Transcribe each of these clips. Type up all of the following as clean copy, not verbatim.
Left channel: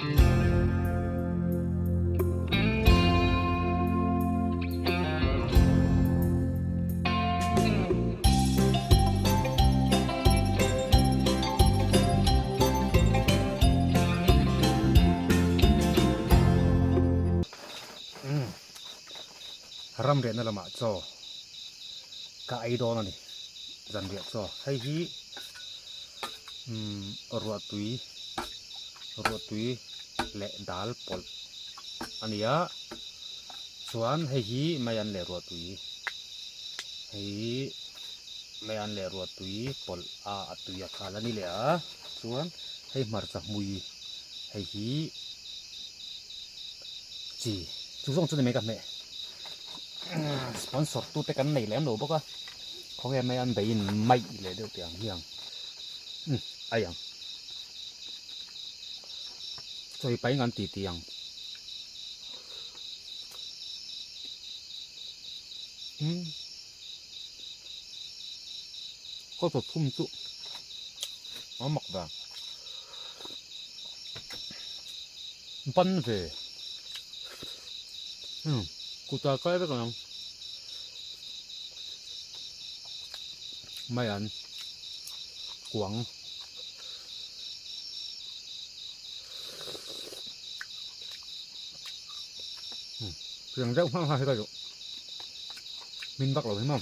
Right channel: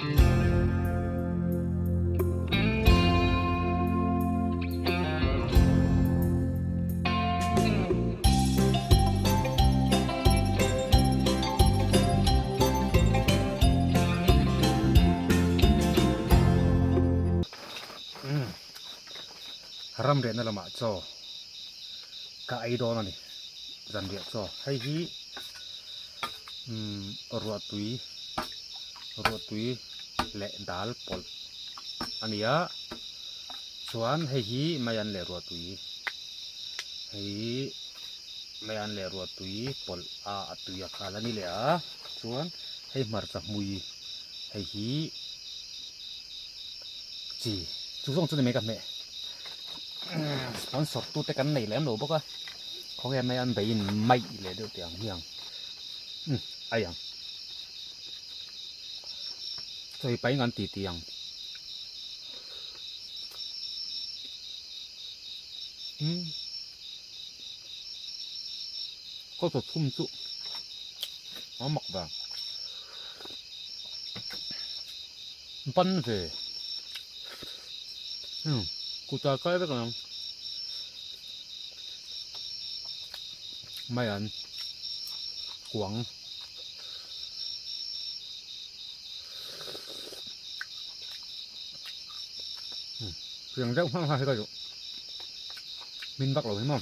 ram re na lama cho ka ai do na ni zan dia cho hay hi ruột tui le dal pol ania chuan hay hi mayan le ruột tui hay mayan le ruột tui pol a atuya khala ni le a chuan hay mar cha mui hay hi chi chu song chu me ka me sponsor tu te kan nei lem lo boka không em mấy anh bị mày lại được tiền hiền ai ăn rồi bảy ngàn tỷ tiền có thể thum trụ nó mọc vào bắn về cụ ta cái đó không mấy anh quảng trường rộng hoang hai cái rồi mình bắt rồi không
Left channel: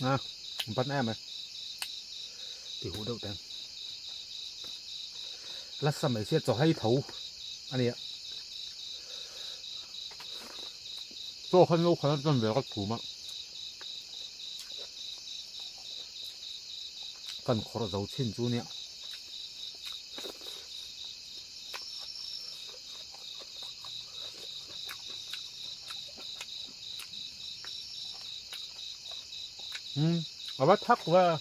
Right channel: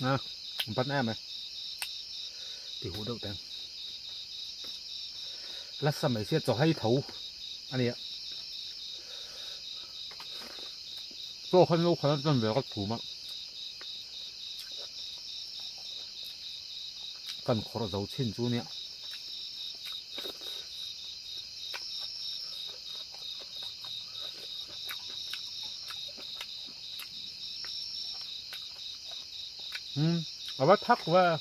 à bắt em này thì hú đậu tên lát xăm mấy xe cho hay thấu anh ấy ạ做很有可能真係個圖物，跟可能就千株呢。我把它過。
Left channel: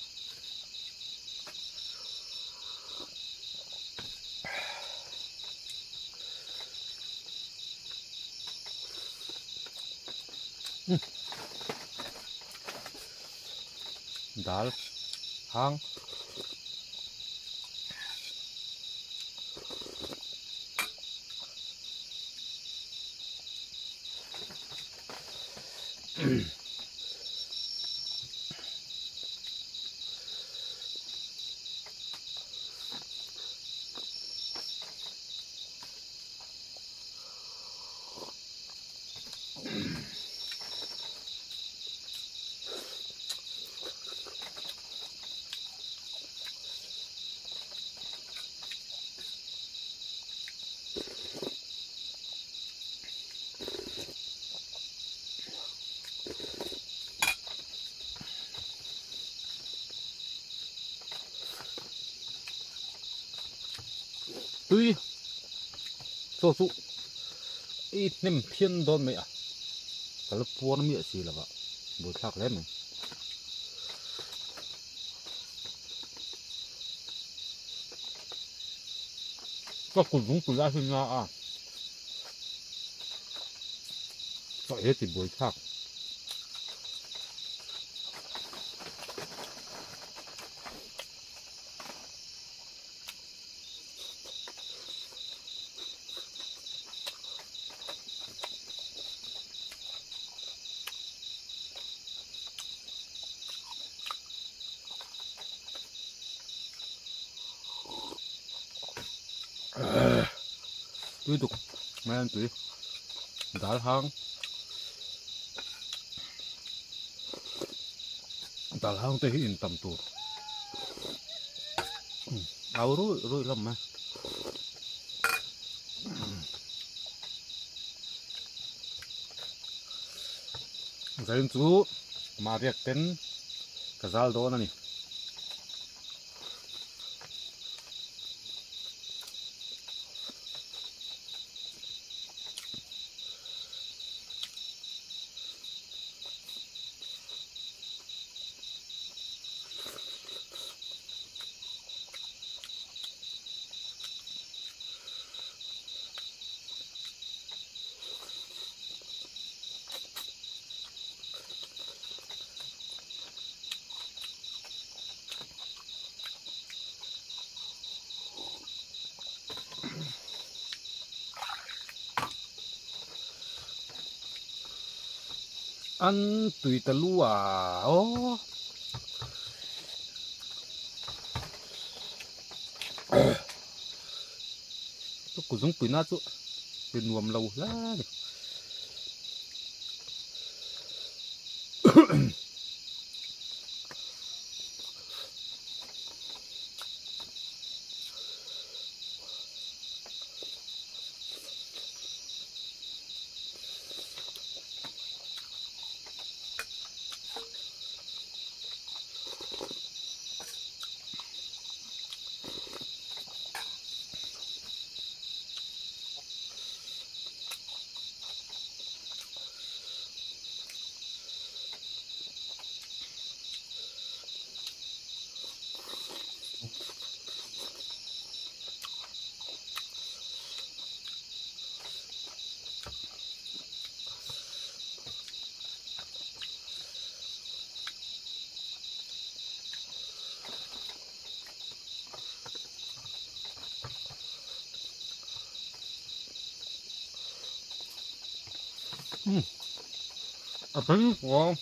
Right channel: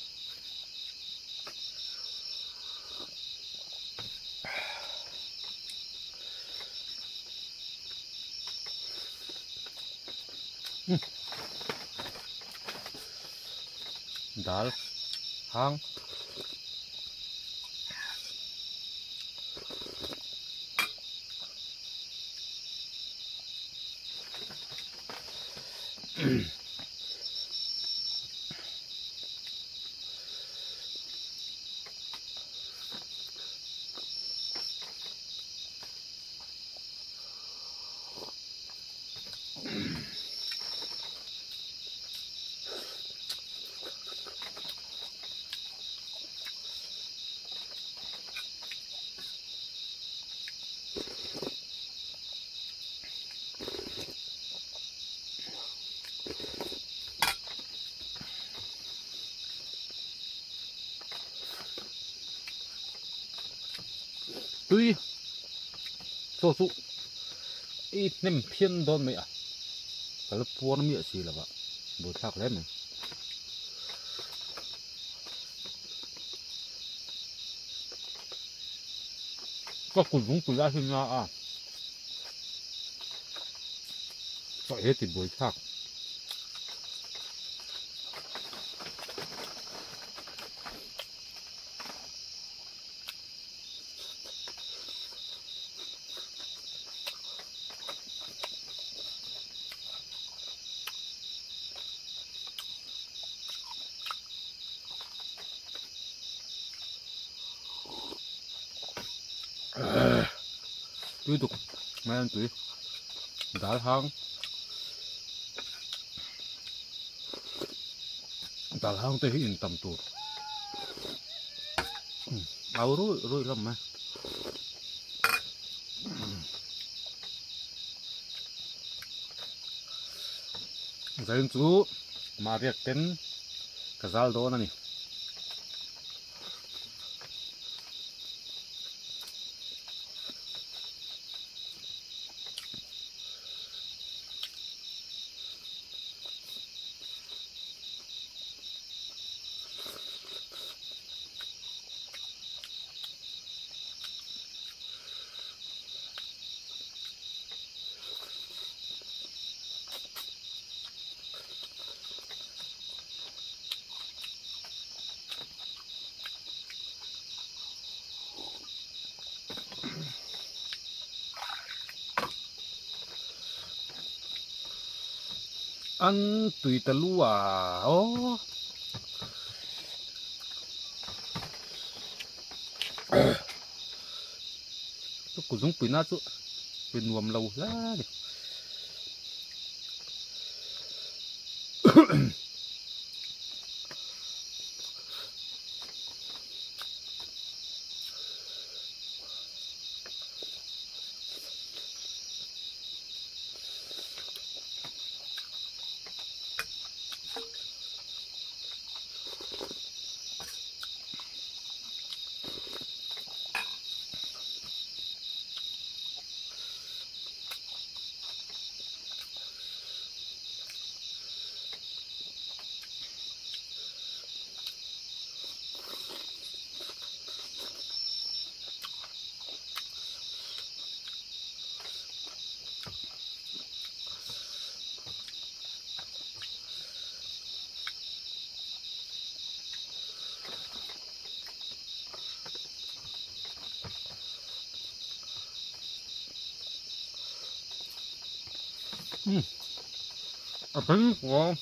Dal hang tuy cho dụ ít nem phiên đòn mẹ cái lớp buôn nó mẹ gì là vậy bột thạc lắm này có cùn cũng cùn ra xin ra à gọi hết thì bột thạc tiếp tục mấy anh chị đã hang tới hiện tầm tuổi áo rồi lắm mà giờ chú mà việc tên cái dal đó này ăn tùy tà lu à ô tôi cũng giống tùy nát chứ bên nuông lâu lá đi à thấy ngon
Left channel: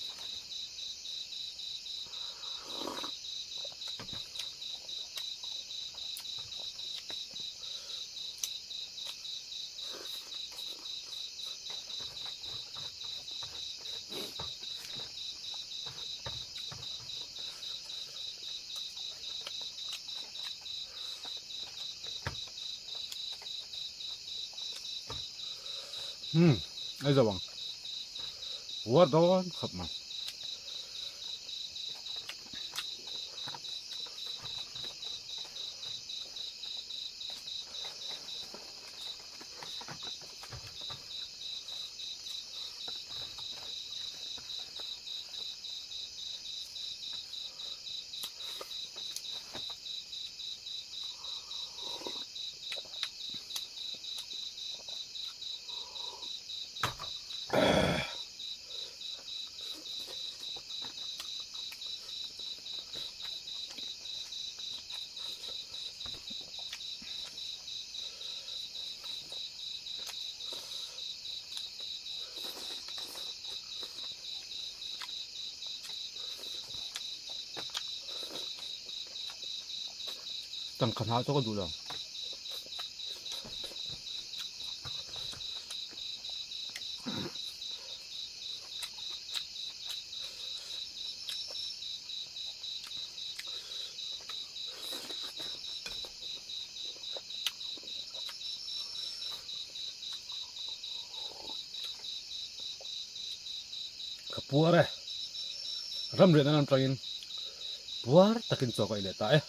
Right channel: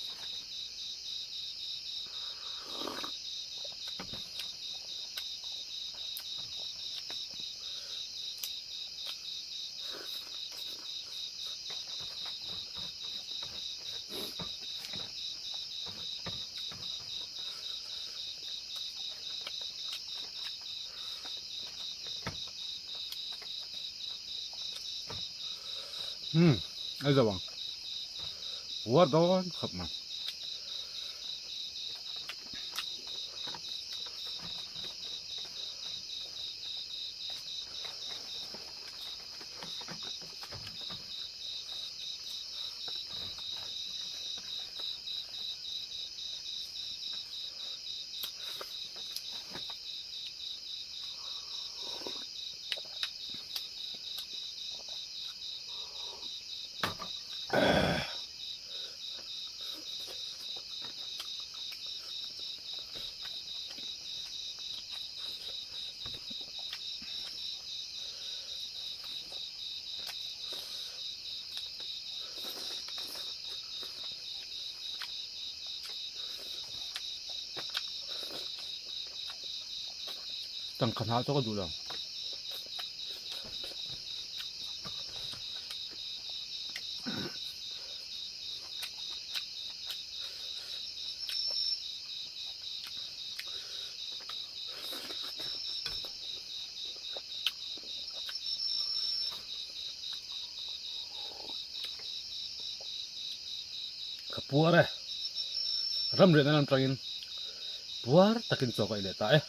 ấy giờ bằng quá đó khập mà tăng khả năng cho cái đủ rồi kapua re ram re na nam trangin puar takin so kai le ta